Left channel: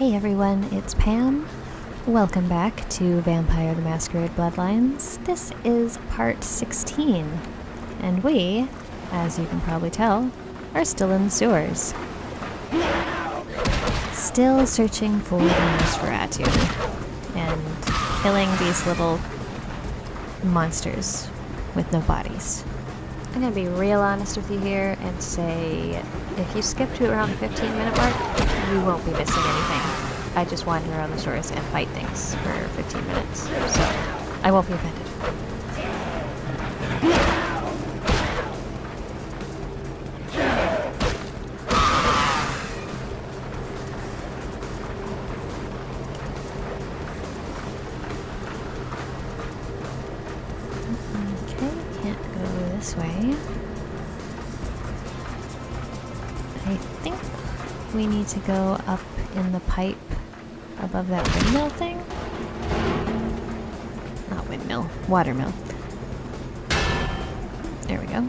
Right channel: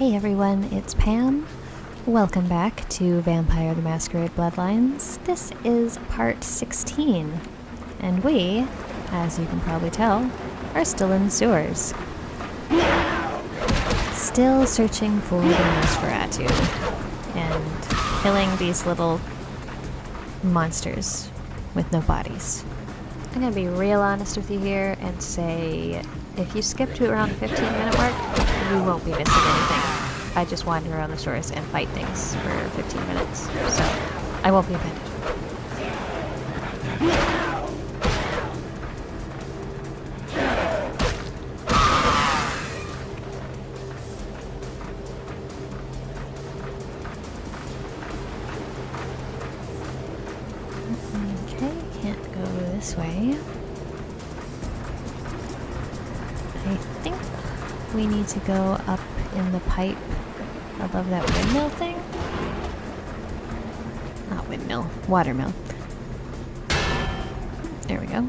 Hey everyone, it's Pam. Welcome back to Vampire the Masquerade Bloodlines. This is part 16, and we, as you can probably tell, are still in the sewers. Still searching for the Nosferatu and killing these little monsters with no bodies. I'm gonna be real honest with you here and say if you skip to around the 15-minute mark, you won't be missing anything. I just wander around the stores and fight things for 15 minutes, so I won't be offended. Okay, can't go this way. I think we need to go up in the pipe above that windmill thing? Not windmill, watermill. There we go.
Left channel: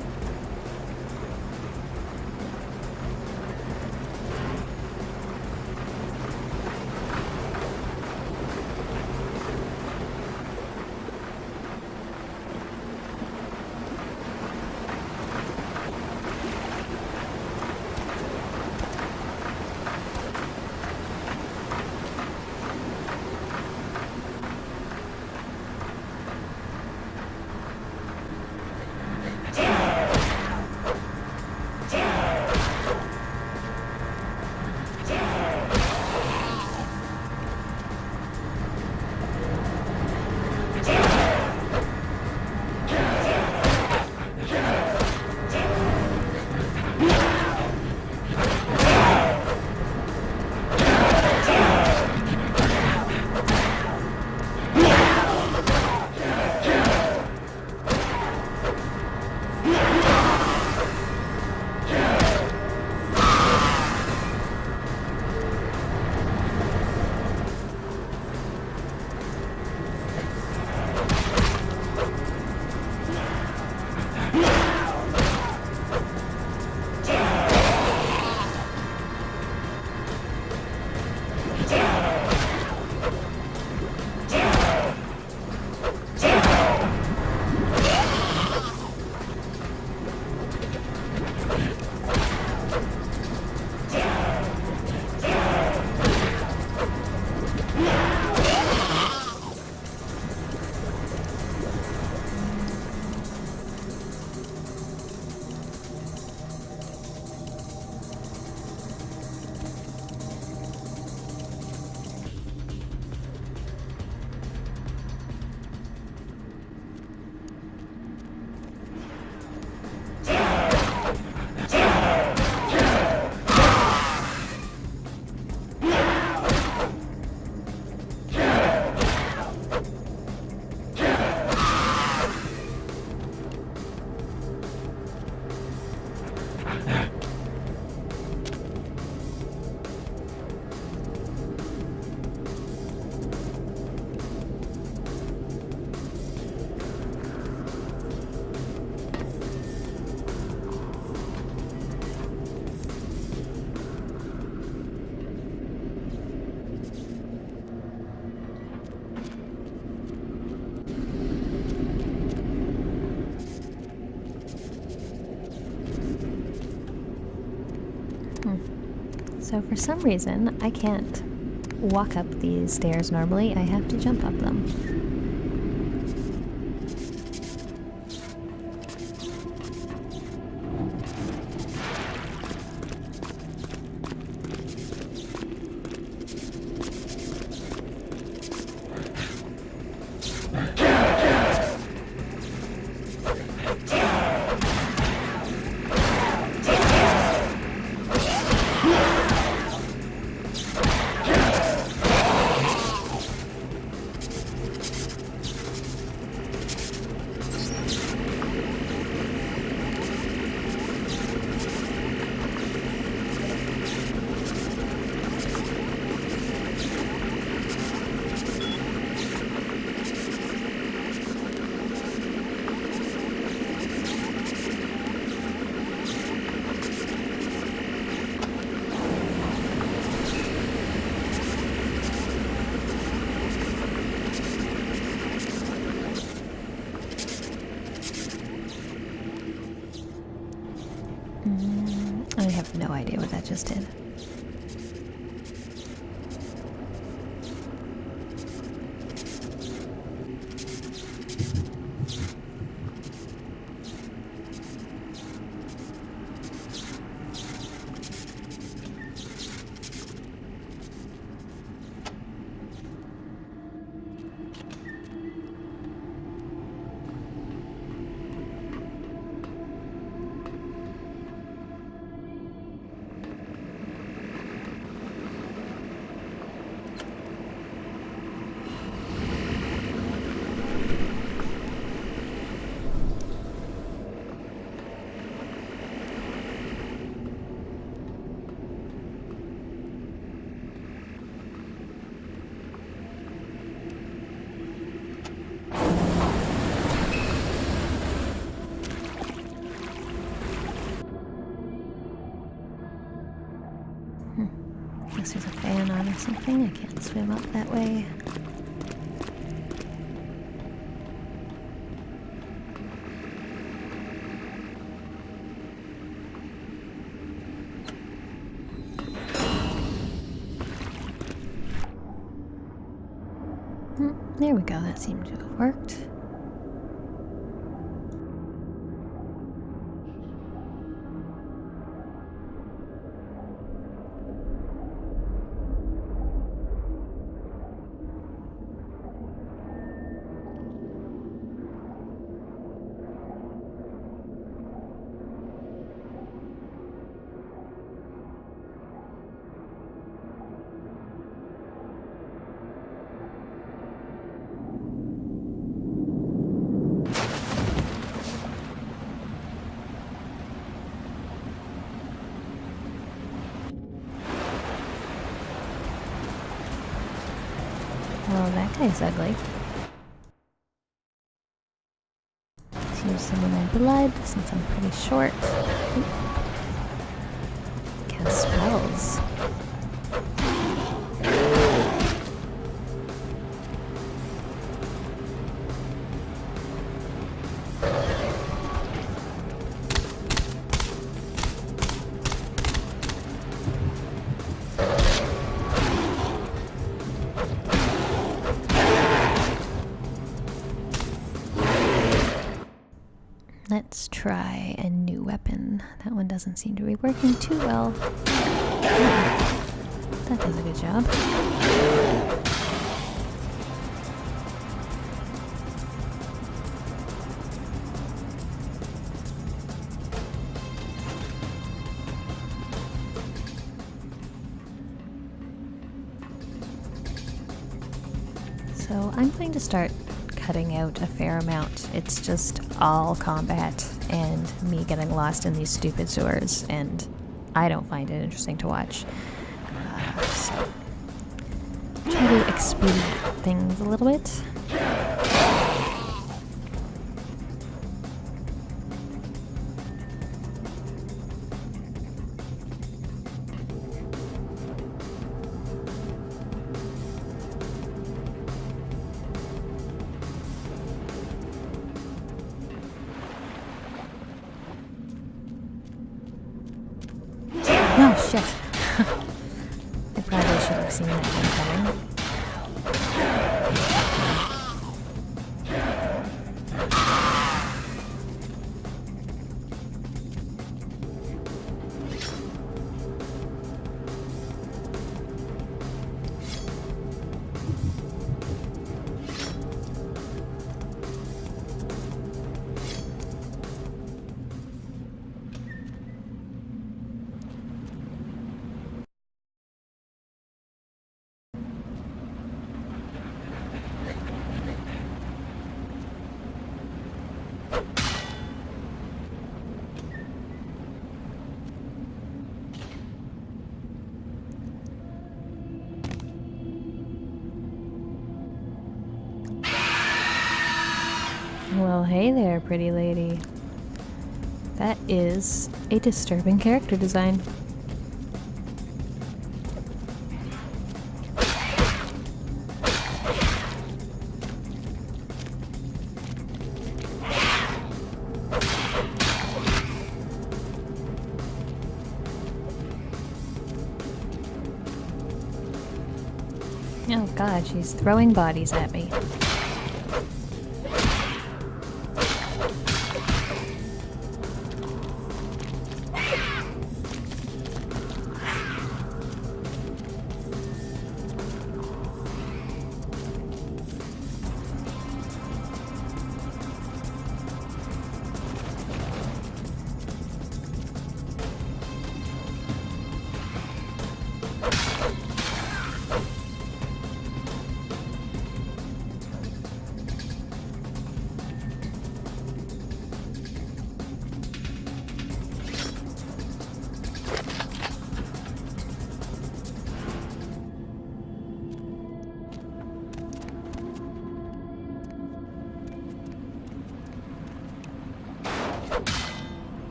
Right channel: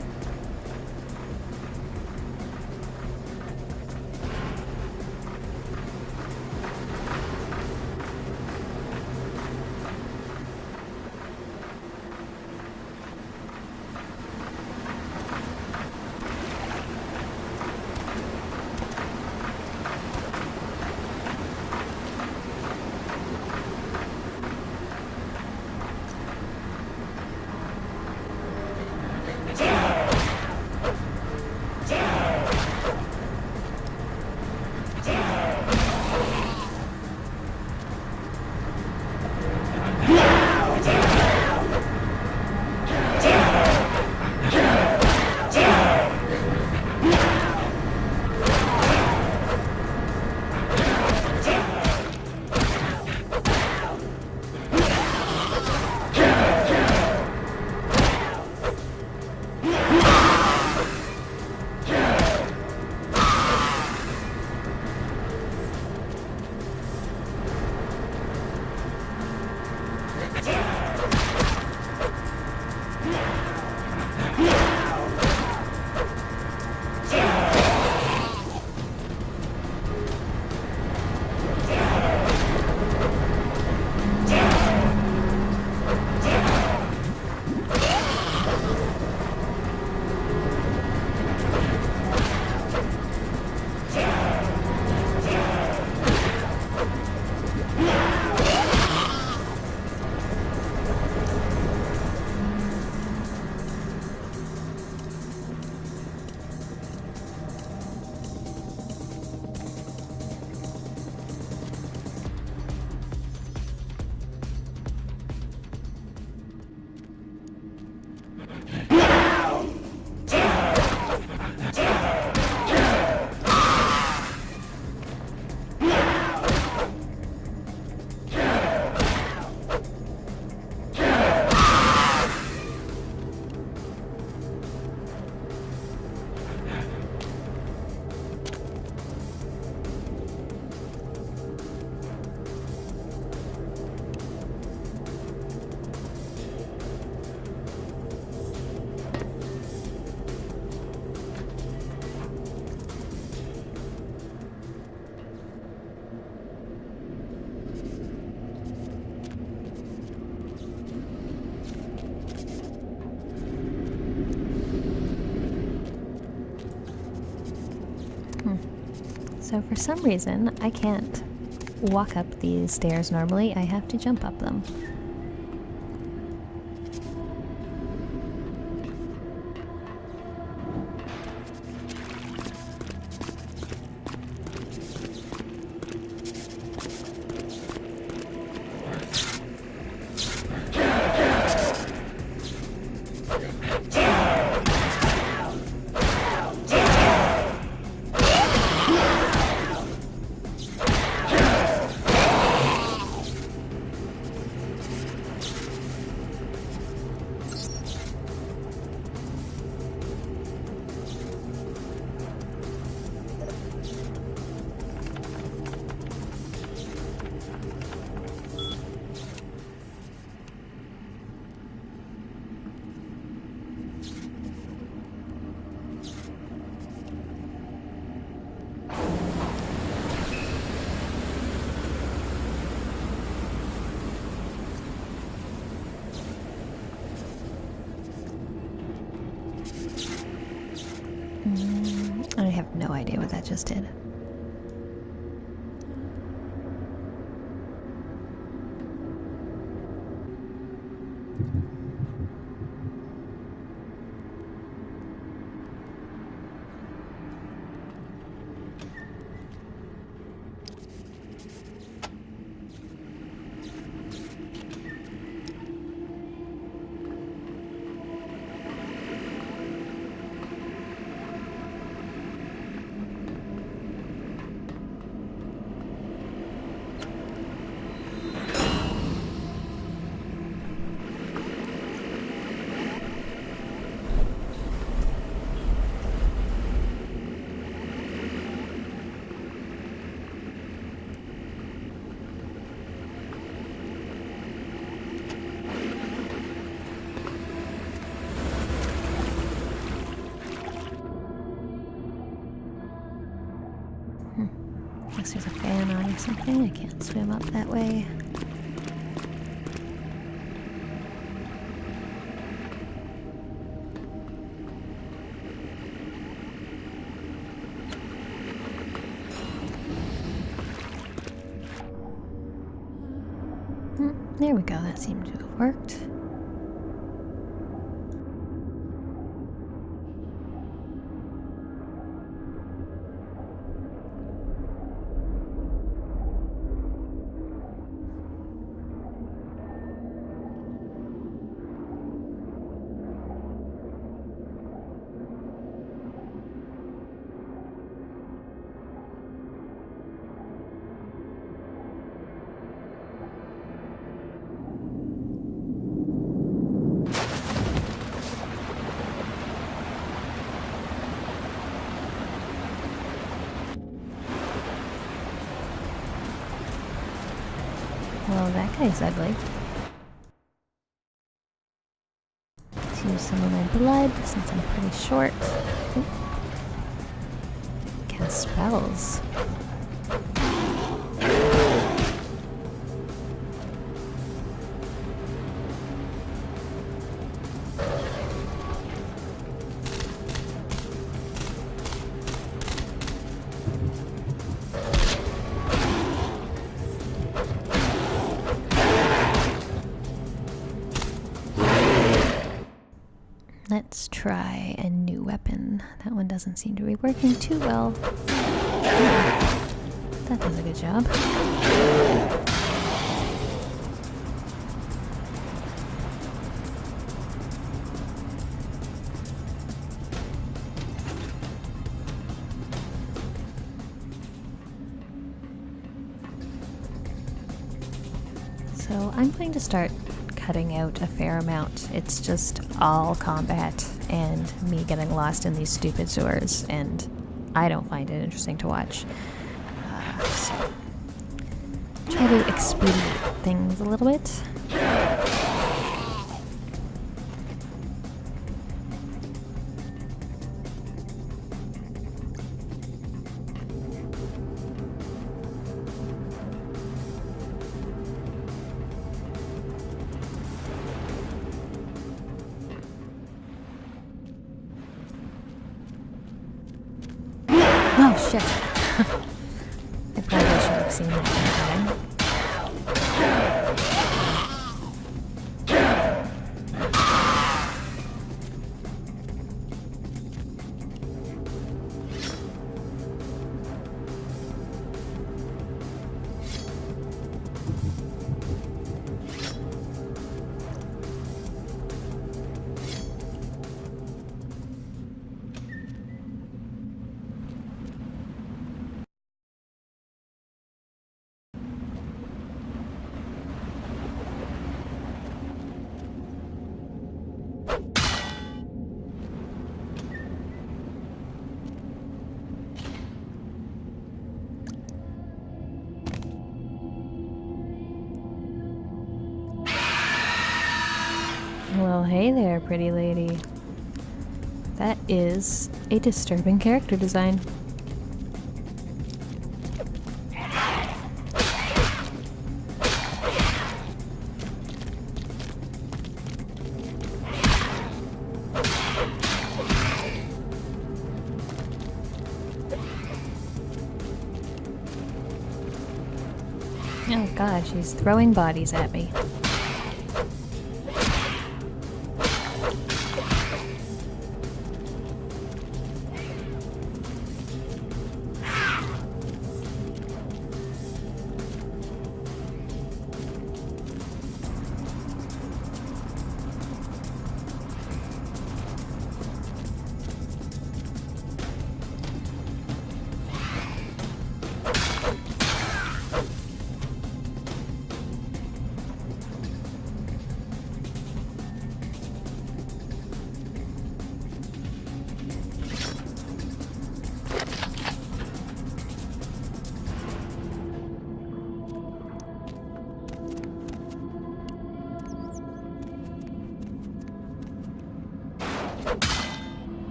So for some reason, I can't walk up these stairs normally. I have to jump up them. I have no idea what that just did. Guess there's a fan on or something. I can't swim up that way. There we go. That seemed to have worked. Well, that guy's ugly. Let's use some of my blood since I'm pretty short. Ooh. Cast spells. Let's try a new weapon. That one doesn't seem to be working too well. That does a good job. So I'm going to start cutting out a fair amount. It's just all combat and me getting lost in these stupid sewers, and I don't find it interesting to watch. So try to expedite things a little bit. Oh shit. I probably should have seen that one coming. Well, hey there, pretty lady. That is a disturbing character design. Oh god, she's throwing bodies at me.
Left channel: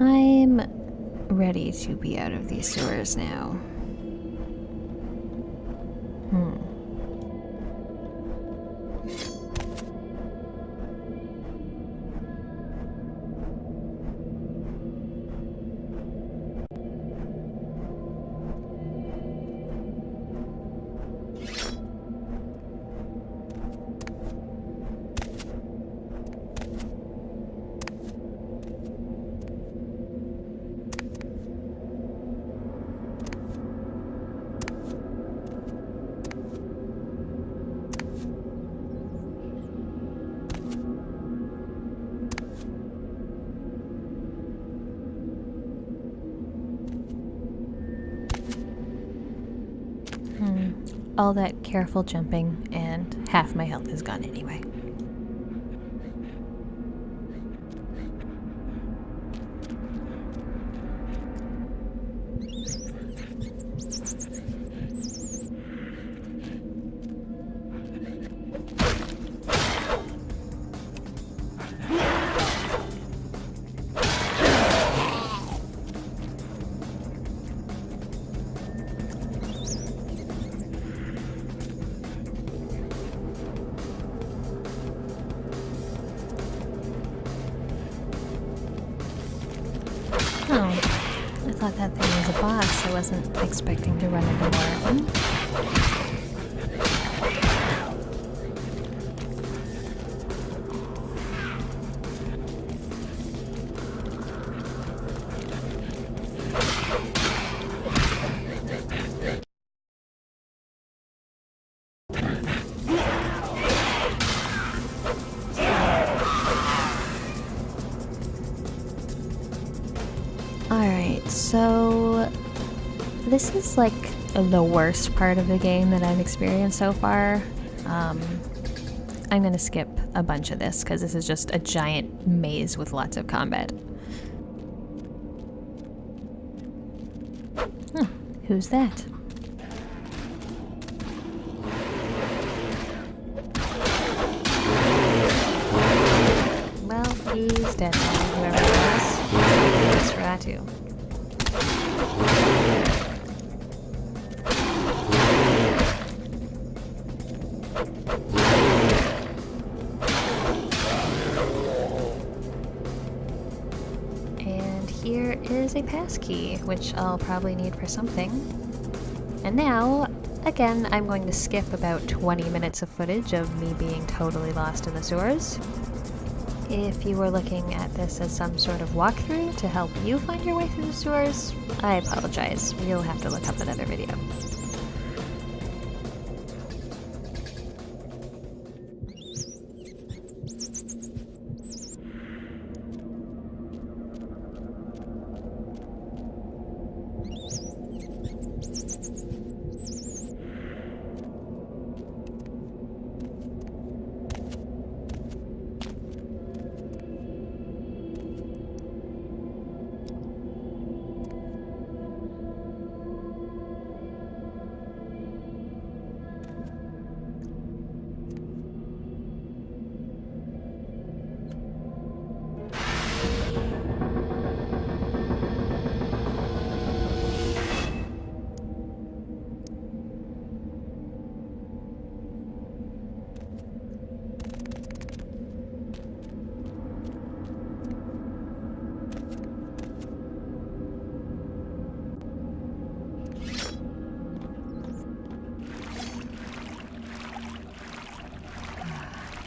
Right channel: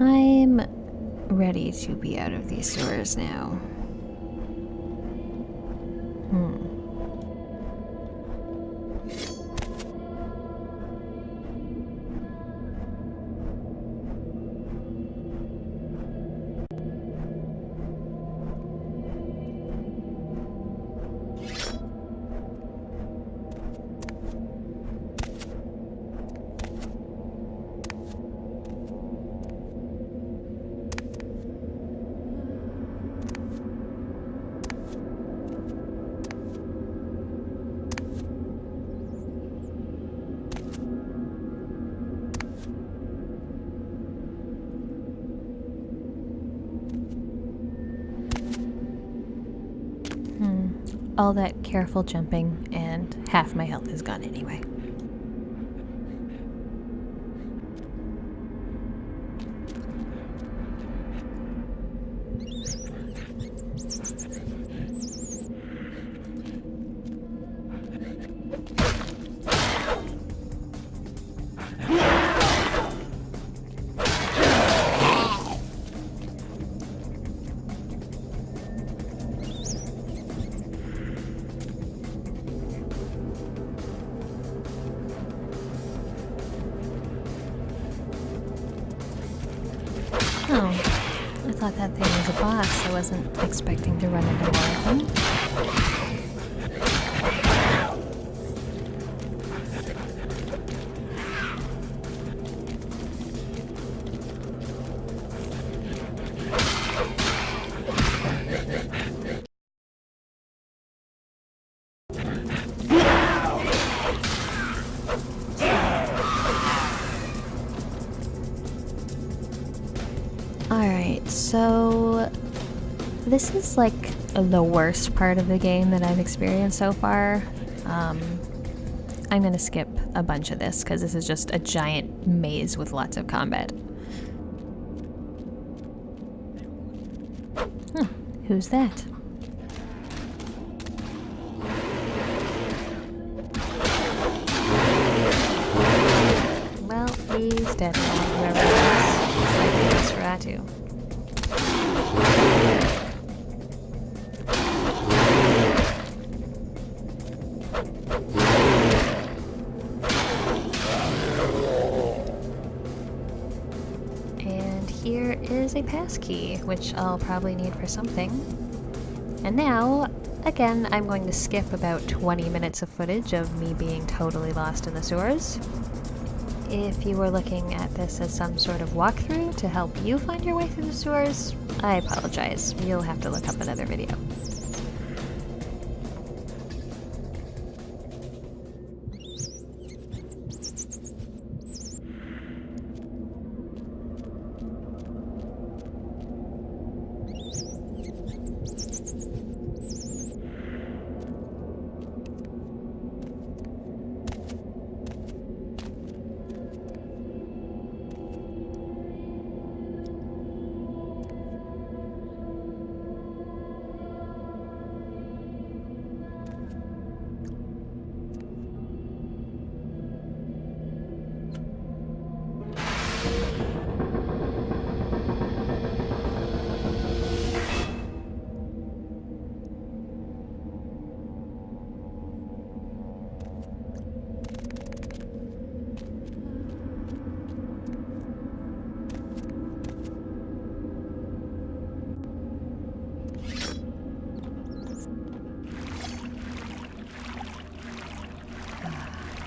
I'm ready to be out of these sewers now. All that careful jumping, and half my health is gone anyway. Oh, I thought that thing was a boss. I wasn't expecting to run into more of them. Alright, so this is like the worst part of the game that I've experienced so far. I'm gonna skip a bunch of this because this is just a giant maze with lots of combat. Who's that? Well, he's dead now, whoever it was. It's like the Nosferatu. And here is a passkey, which I'll probably need for something. And now, again, I'm going to skip about 20 minutes of footage of me being totally lost in the sewers. If you were looking at this as some sort of walkthrough to help you find your way through the sewers, I apologize. You'll have to look up another video.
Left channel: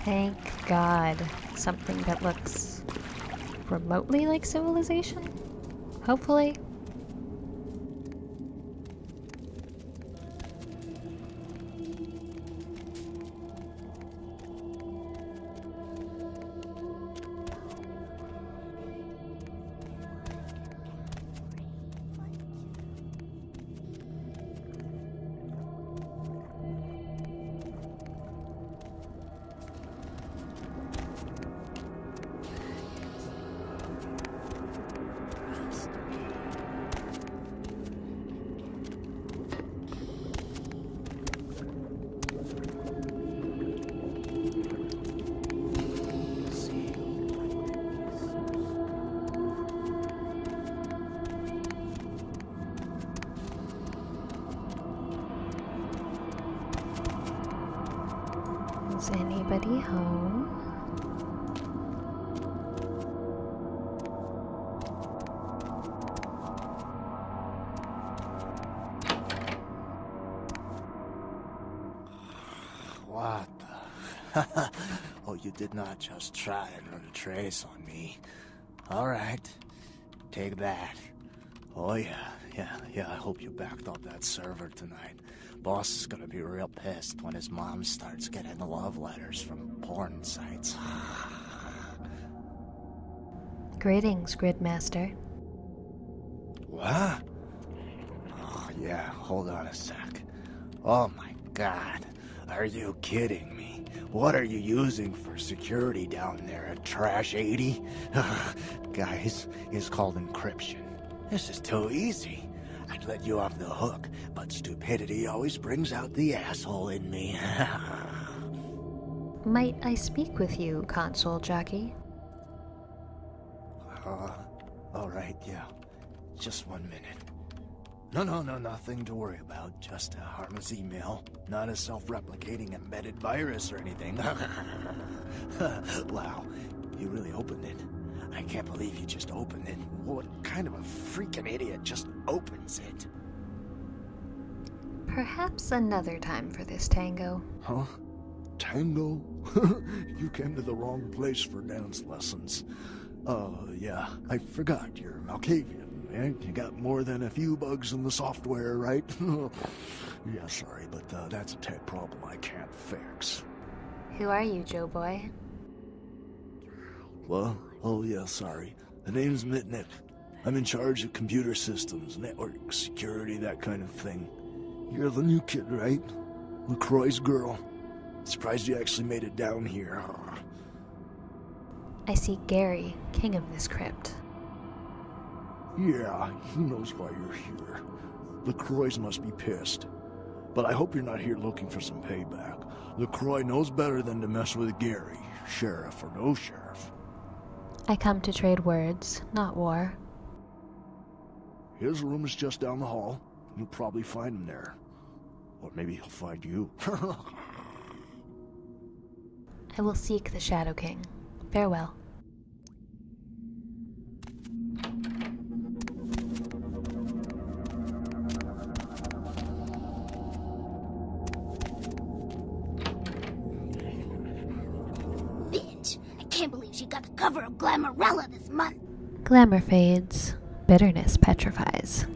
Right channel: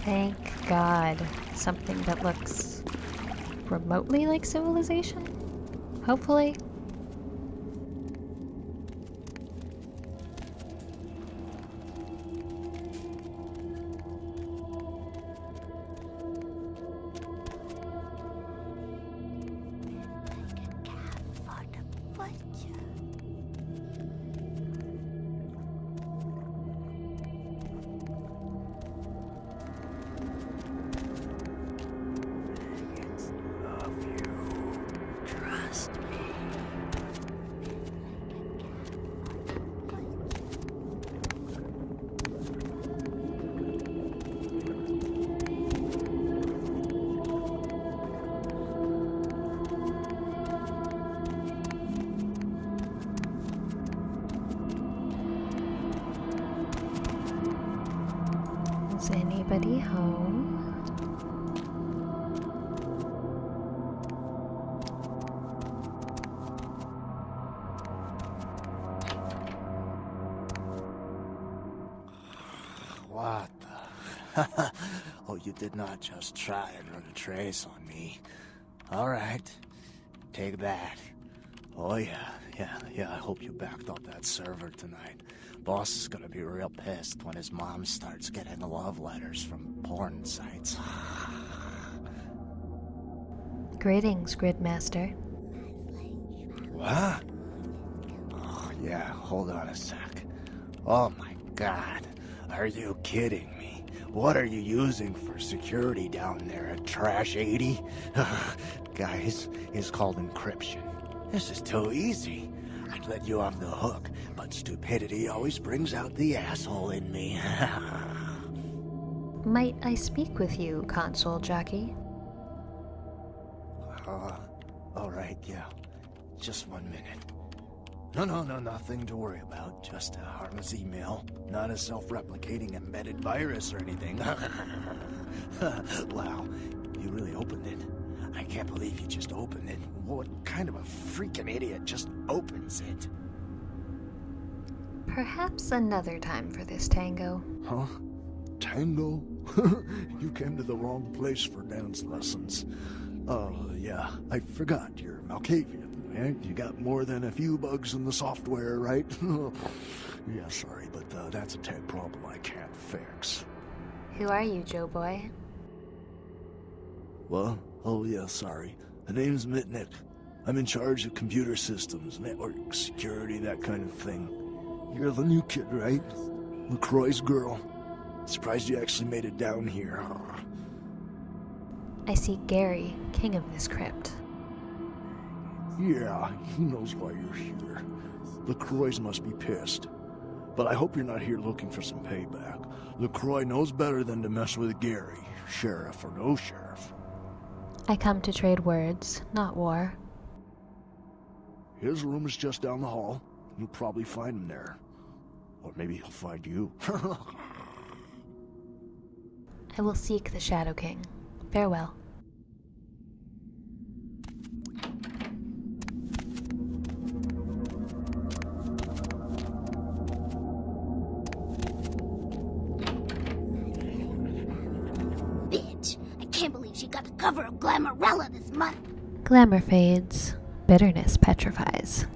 Thank God. Something that looks remotely like civilization? Hopefully. Is anybody home? What the? Oh, you did not just try and run a trace on me. Alright, take that. Oh yeah, I hope you backed up that server tonight. Boss is gonna be real pissed when his mom starts getting love letters from porn sites. Greetings, Gridmaster. What? Oh, yeah, hold on a sec. Oh my god, are you kidding me? What are you using for security down there at Trash 80? Guys, it's called encryption. This is too easy. I'd let you off the hook, but stupidity always brings out the asshole in me. Might I speak with you, console jockey? Alright, yeah. Just 1 minute. No, nothing to worry about. Just a harmless email. Not a self-replicating embedded virus or anything. Wow, you really opened it. I can't believe you just opened it. What kind of a freaking idiot just opens it? Perhaps another time for this tango. Huh? Tango? You came to the wrong place for dance lessons. Yeah, I forgot you're Malkavian, right? You got more than a few bugs in the software, right? Yeah, sorry, but that's a tech problem I can't fix. Who are you, Joe boy? What? Oh yeah, sorry. The name's Mitnick. I'm in charge of computer systems, network security, that kind of thing. You're the new kid, right? LaCroix's girl. Surprised you actually made it down here, huh? I seek Gary, king of this crypt. Yeah, he knows why you're here. LaCroix must be pissed. But I hope you're not here looking for some payback. LaCroix knows better than to mess with Gary, sheriff or no sheriff. I come to trade words, not war. His room is just down the hall. You'll probably find him there. Or maybe he'll find you. I will seek the Shadow King. Farewell. Bitch, I can't believe she got the cover of Glamourella this month. Glamour fades. Bitterness petrifies.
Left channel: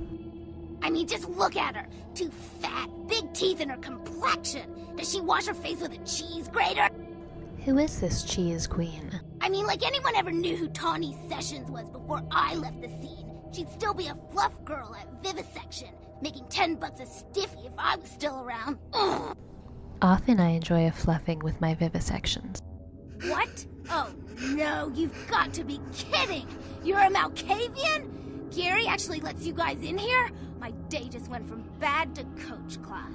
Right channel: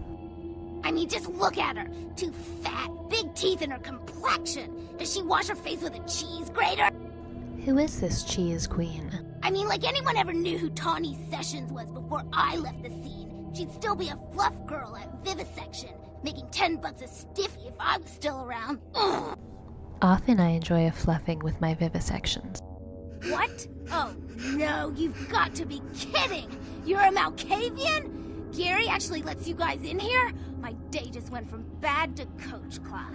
I mean, just look at her. Too fat, big teeth in her complexion. Does she wash her face with a cheese grater? Who is this cheese queen? I mean, like anyone ever knew who Tawny Sessions was before I left the scene. She'd still be a fluff girl at Vivisection, making $10 a stiffy if I was still around. Ugh. Often I enjoy a fluffing with my vivisections. What? Oh, no, you've got to be kidding! You're a Malkavian? Gary actually lets you guys in here? My day just went from bad to coach class.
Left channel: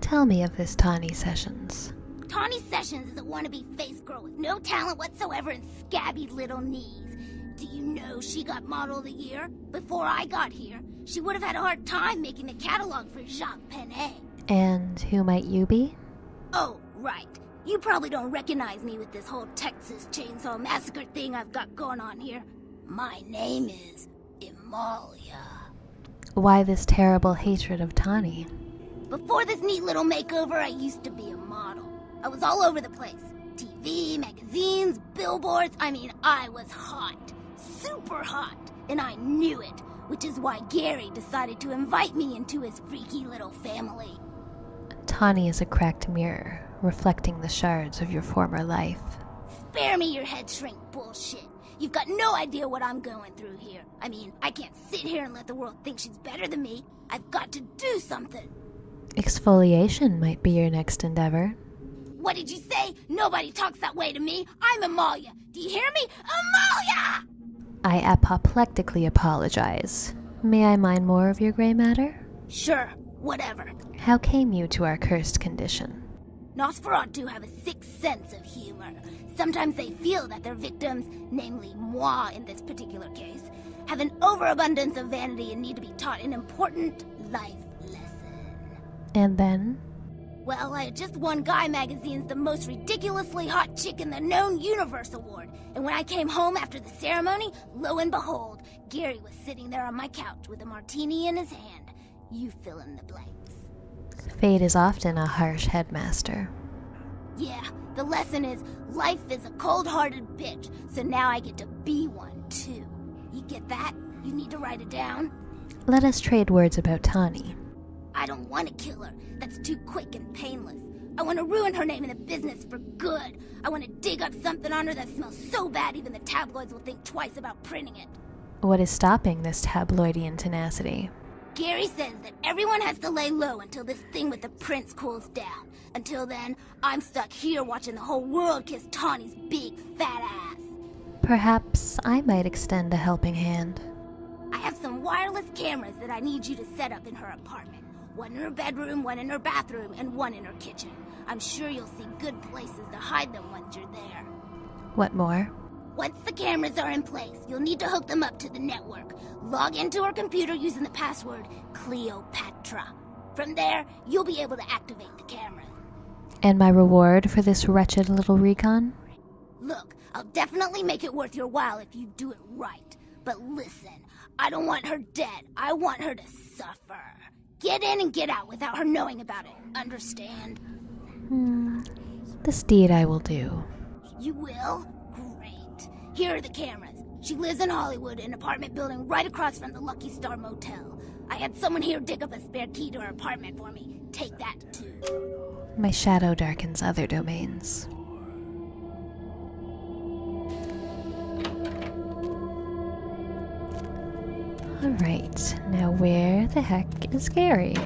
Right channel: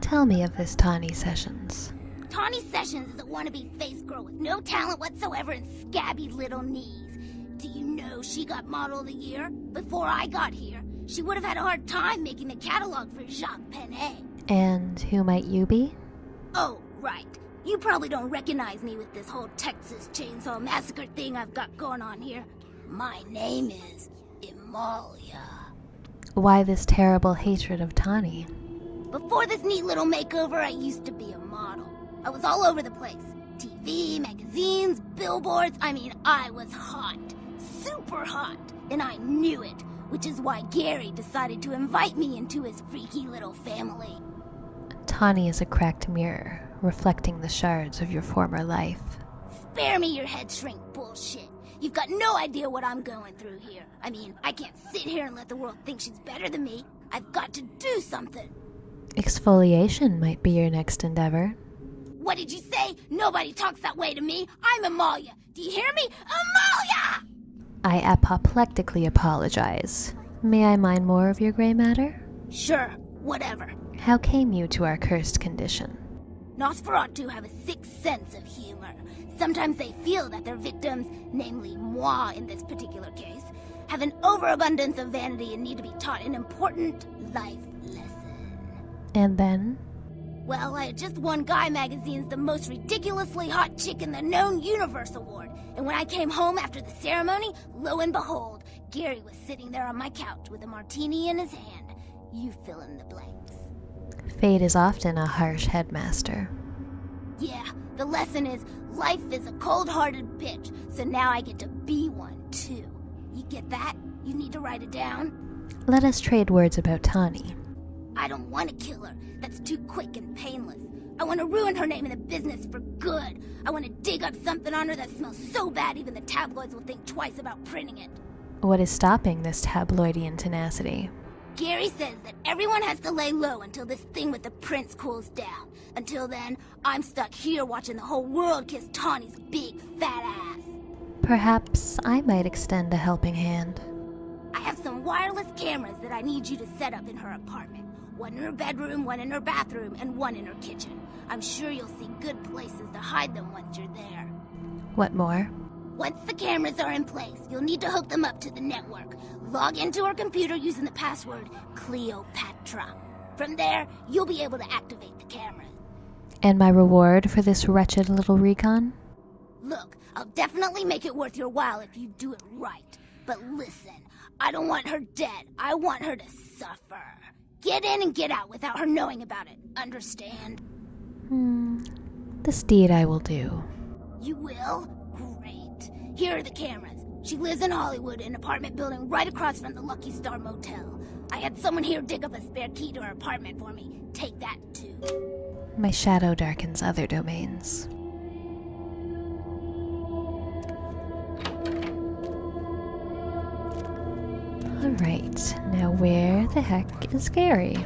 Tell me of this Tawny Sessions. Tawny Sessions is a wannabe face girl with no talent whatsoever and scabby little knees. Do you know she got Model of the Year? Before I got here, she would have had a hard time making a catalog for Jacques Penet. And who might you be? Oh, right. You probably don't recognize me with this whole Texas Chainsaw Massacre thing I've got going on here. My name is Amalia. Why this terrible hatred of Tawny? Before this neat little makeover, I used to be a model. I was all over the place. TV, TV, magazines, billboards. I mean, I was hot. Super hot. And I knew it, which is why Gary decided to invite me into his freaky little family. Tawny is a cracked mirror, reflecting the shards of your former life. Spare me your head shrink bullshit. You've got no idea what I'm going through here. I mean, I can't sit here and let the world think she's better than me. I've got to do something. Exfoliation might be your next endeavor. What did you say? Nobody talks that way to me. I'm Amalia. Do you hear me? Amalia! I apoplectically apologize. May I mine more of your gray matter? Sure, whatever. How came you to our cursed condition? Nosferatu have a sixth sense of humor. Sometimes they feel that their victims, namely moi in this particular case, have an overabundance of vanity and need to be taught an important life lesson. And then? Well, I had just won Guy Magazine's The Most Ridiculously Hot Chick in the Known Universe Award. And when I came home after the ceremony, lo and behold, Gary was sitting there on my couch with a martini in his hand. You fill in the blanks. Fate is often a harsh headmaster. Yeah, the lesson is life is a cold-hearted bitch, so now I get to be one too. You get that? You need to write it down? Let us trade words about Tawny. I don't want to kill her. That's too quick and painless. I want to ruin her name in the business for good. I want to dig up something on her that smells so bad even the tabloids will think twice about printing it. What is stopping this tabloidian tenacity? Gary says that everyone has to lay low until this thing with the prince cools down. Until then, I'm stuck here watching the whole world kiss Tawny's big fat ass. Perhaps I might extend a helping hand. I have some wireless cameras that I need you to set up in her apartment. One in her bedroom, one in her bathroom, and one in her kitchen. I'm sure you'll see good places to hide them once you're there. What more? Once the cameras are in place, you'll need to hook them up to the network. Log into her computer using the password Cleopatra. From there, you'll be able to activate the cameras. And my reward for this wretched little recon? Look, I'll definitely make it worth your while if you do it right. But listen, I don't want her dead. I want her to suffer. Get in and get out without her knowing about it. Understand? This deed I will do. You will? Great. Here are the cameras. She lives in Hollywood, an apartment building right across from the Lucky Star Motel. I had someone here dig up a spare key to her apartment for me. Take that, too. My shadow darkens other domains. Alright, now where the heck is Gary?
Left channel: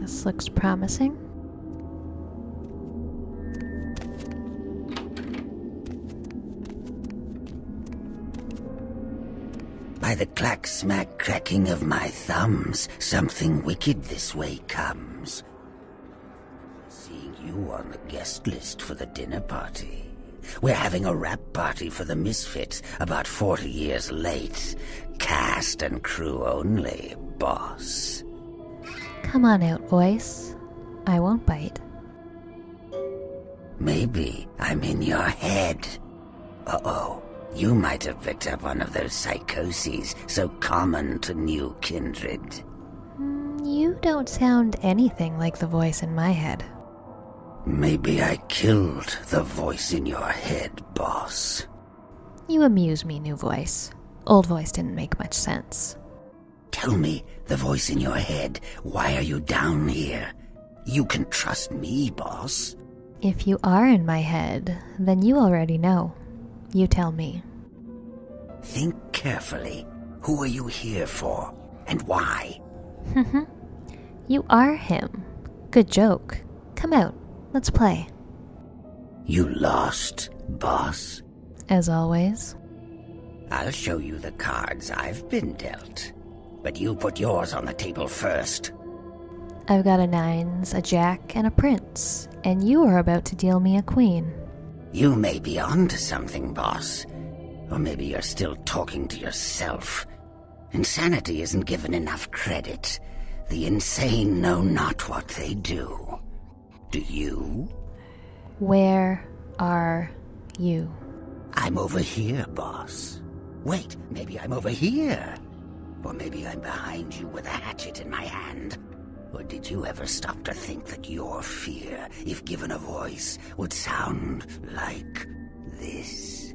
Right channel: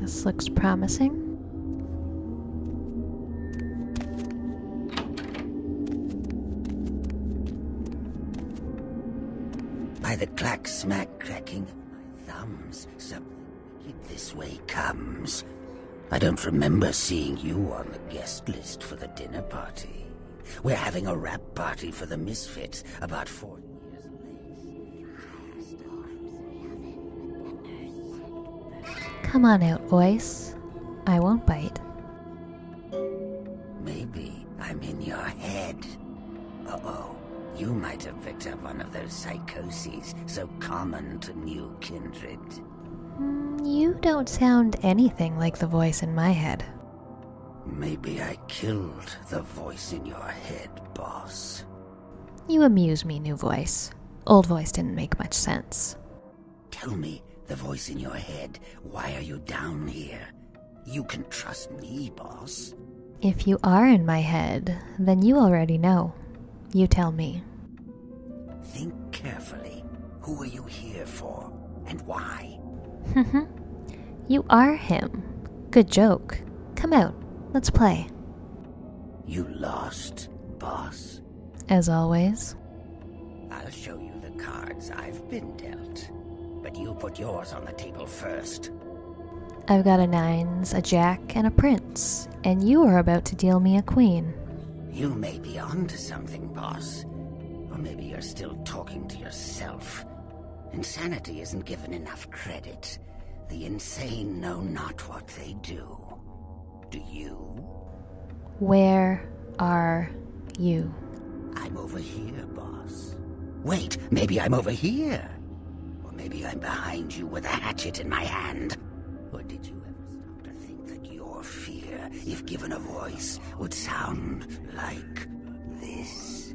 This looks promising. By the clack-smack cracking of my thumbs, something wicked this way comes. I don't remember seeing you on the guest list for the dinner party. We're having a wrap party for the Misfits, about 40 years late. Cast and crew only, boss. Come on out, voice. I won't bite. Maybe I'm in your head. Uh-oh. You might have picked up one of those psychoses so common to new kindred. You don't sound anything like the voice in my head. Maybe I killed the voice in your head, boss. You amuse me, new voice. Old voice didn't make much sense. Tell me, the voice in your head, why are you down here? You can trust me, boss. If you are in my head, then you already know. You tell me. Think carefully. Who are you here for, and why? You are him. Good joke. Come out. Let's play. You lost, boss? As always. I'll show you the cards I've been dealt. But you put yours on the table first. I've got a nines, a jack, and a prince, and you are about to deal me a queen. You may be onto something, boss. Or maybe you're still talking to yourself. Insanity isn't given enough credit. The insane know not what they do. Do you? Where are you? I'm over here, boss. Wait, maybe I'm over here. Or maybe I'm behind you with a hatchet in my hand. Or did you ever stop to think that your fear, if given a voice, would sound like this?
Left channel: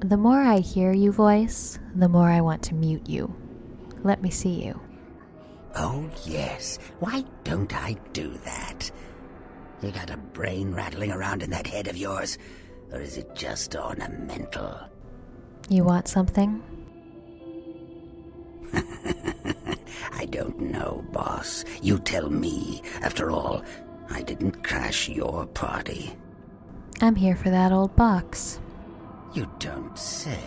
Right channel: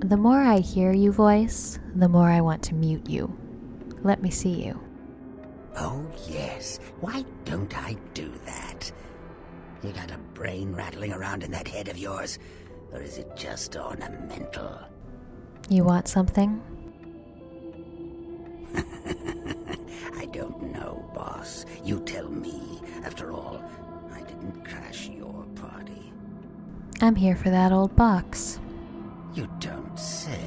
The more I hear you voice, the more I want to mute you. Let me see you. Oh, yes. Why don't I do that? You got a brain rattling around in that head of yours? Or is it just ornamental? You want something? I don't know, boss. You tell me. After all, I didn't crash your party. I'm here for that old box. You don't say.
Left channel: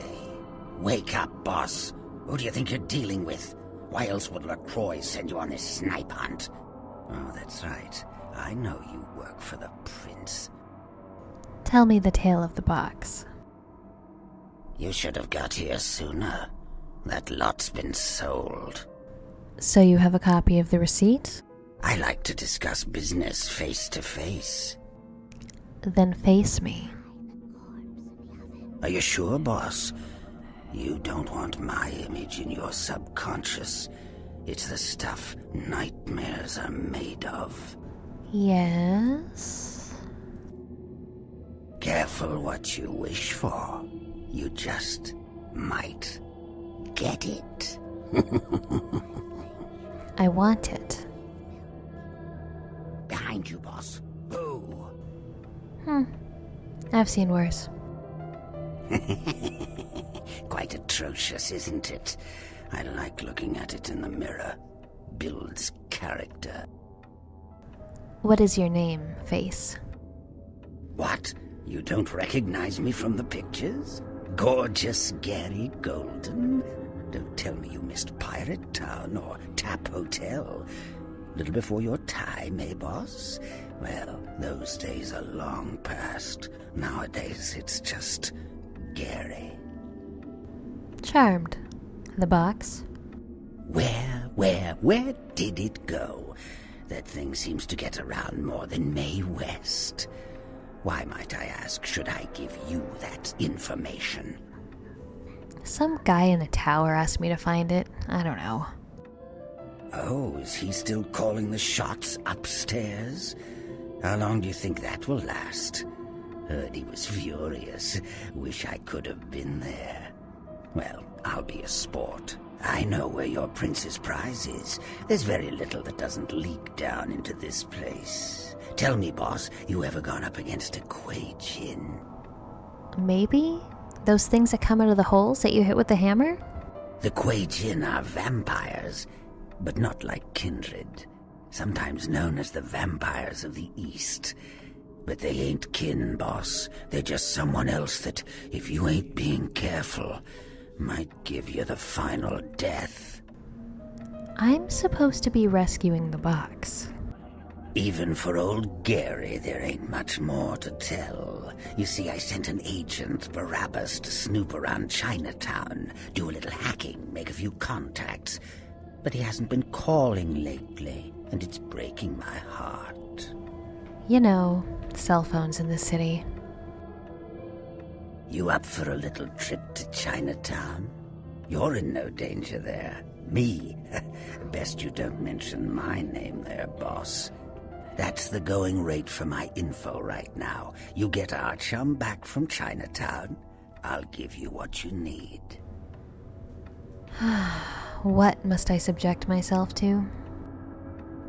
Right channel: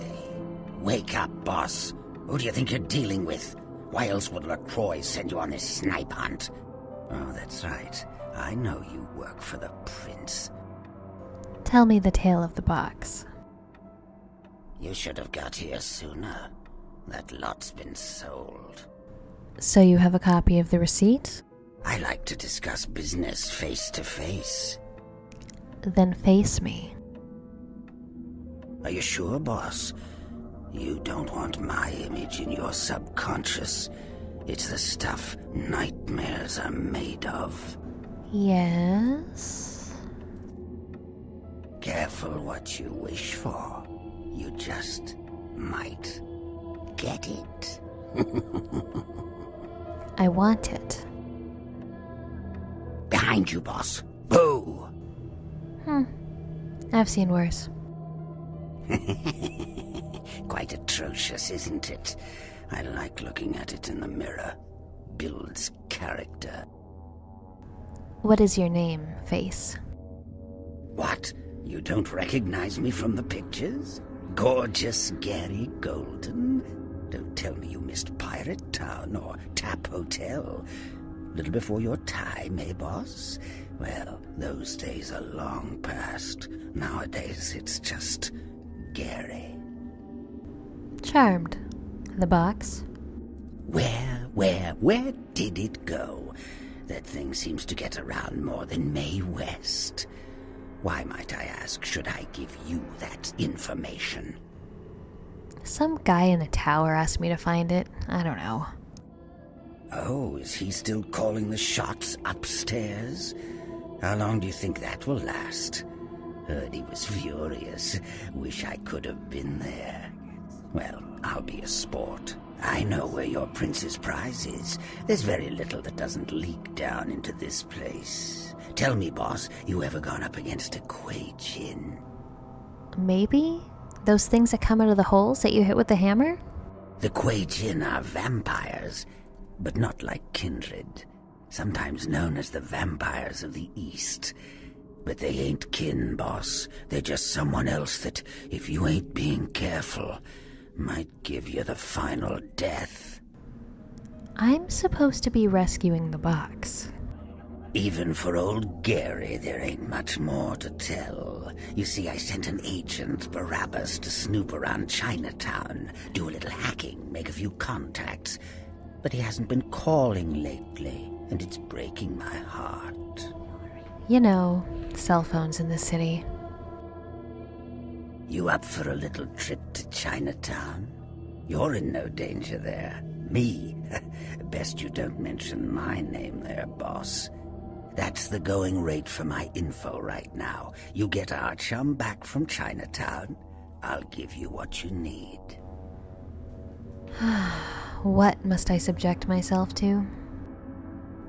Wake up, boss. Who do you think you're dealing with? Why else would LaCroix send you on this snipe hunt? Oh, that's right. I know you work for the prince. Tell me the tale of the box. You should have got here sooner. That lot's been sold. So you have a copy of the receipt? I like to discuss business face to face. Then face me. Are you sure, boss? You don't want my image in your subconscious. It's the stuff nightmares are made of. Yes? Careful what you wish for. You just might get it. I want it. Behind you, boss. Boo! I've seen worse. Quite atrocious, isn't it? I like looking at it in the mirror. Builds character. What is your name, Face? What? You don't recognize me from the pictures? Gorgeous Gary Golden? Don't tell me you missed Pirate Town or Tap Hotel. Little before your time, eh, boss? Well, those days are long past. Nowadays, it's just Gary. Charmed. The box? Where did it go? That thing seems to get around more than Mae West. Why, might I ask, should I give you that information? Some guy in a tower asked me to find it. I don't know. Oh, is he still calling the shots upstairs? How long do you think that will last? Heard he was furious. Wish I could have been there. Well, I'll be a sport. I know where your prince's prize is. There's very little that doesn't leak down into this place. Tell me, boss, you ever gone up against a Kuei Jin? Maybe? Those things that come out of the holes that you hit with the hammer? The Kuei Jin are vampires, but not like kindred. Sometimes known as the vampires of the East. But they ain't kin, boss. They're just someone else that, if you ain't being careful, might give you the final death. I'm supposed to be rescuing the box. Even for old Gary, there ain't much more to tell. You see, I sent an agent, Barabbas, to snoop around Chinatown, do a little hacking, make a few contacts. But he hasn't been calling lately, and it's breaking my heart. You know, cell phones in the city. You up for a little trip to Chinatown? You're in no danger there. Me? Best you don't mention my name there, boss. That's the going rate for my info right now. You get our chum back from Chinatown, I'll give you what you need. What must I subject myself to?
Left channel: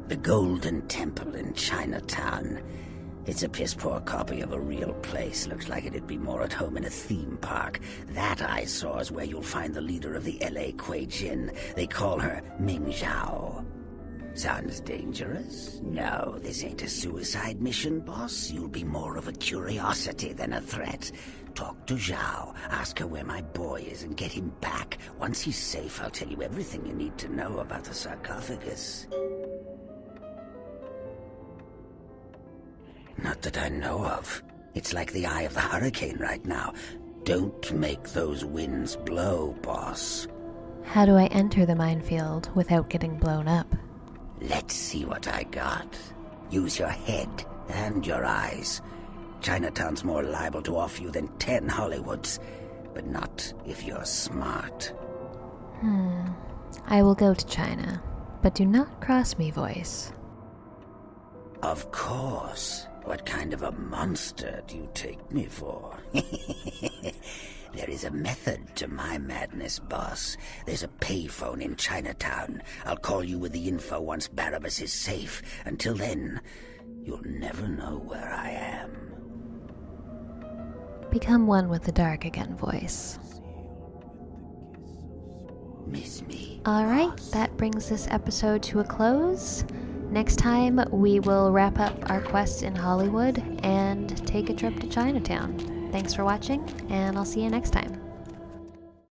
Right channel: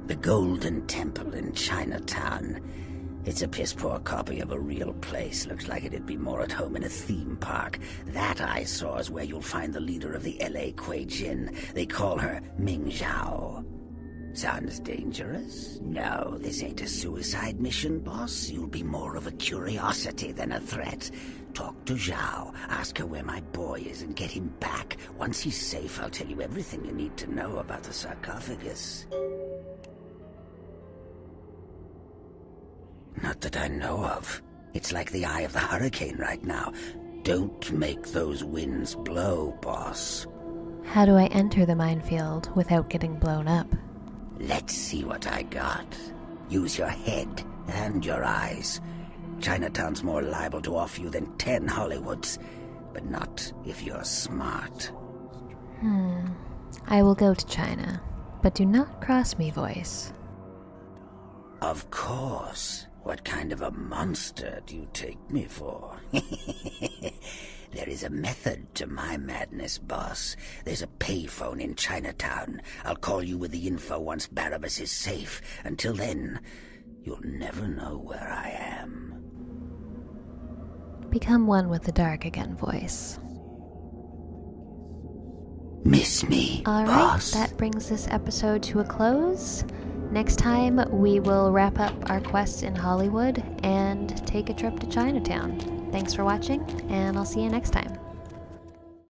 The Golden Temple in Chinatown. It's a piss-poor copy of a real place. Looks like it'd be more at home in a theme park. That I saw is where you'll find the leader of the L.A. Kuei Jin. They call her Ming Zhao. Sounds dangerous? No, this ain't a suicide mission, boss. You'll be more of a curiosity than a threat. Talk to Zhao, ask her where my boy is, and get him back. Once he's safe, I'll tell you everything you need to know about the sarcophagus. Not that I know of. It's like the eye of the hurricane right now. Don't make those winds blow, boss. How do I enter the minefield without getting blown up? Let's see what I got. Use your head and your eyes. Chinatown's more liable to offer you than 10 Hollywoods, but not if you're smart. I will go to China, but do not cross me, voice. Of course. What kind of a monster do you take me for? There is a method to my madness, boss. There's a payphone in Chinatown. I'll call you with the info once Barabbas is safe. Until then, you'll never know where I am. Become one with the dark again, voice. Miss me, Alright, boss? that brings this episode to a close. Next time, we will wrap up our quests in Hollywood and take a trip to Chinatown. Thanks for watching, and I'll see you next time.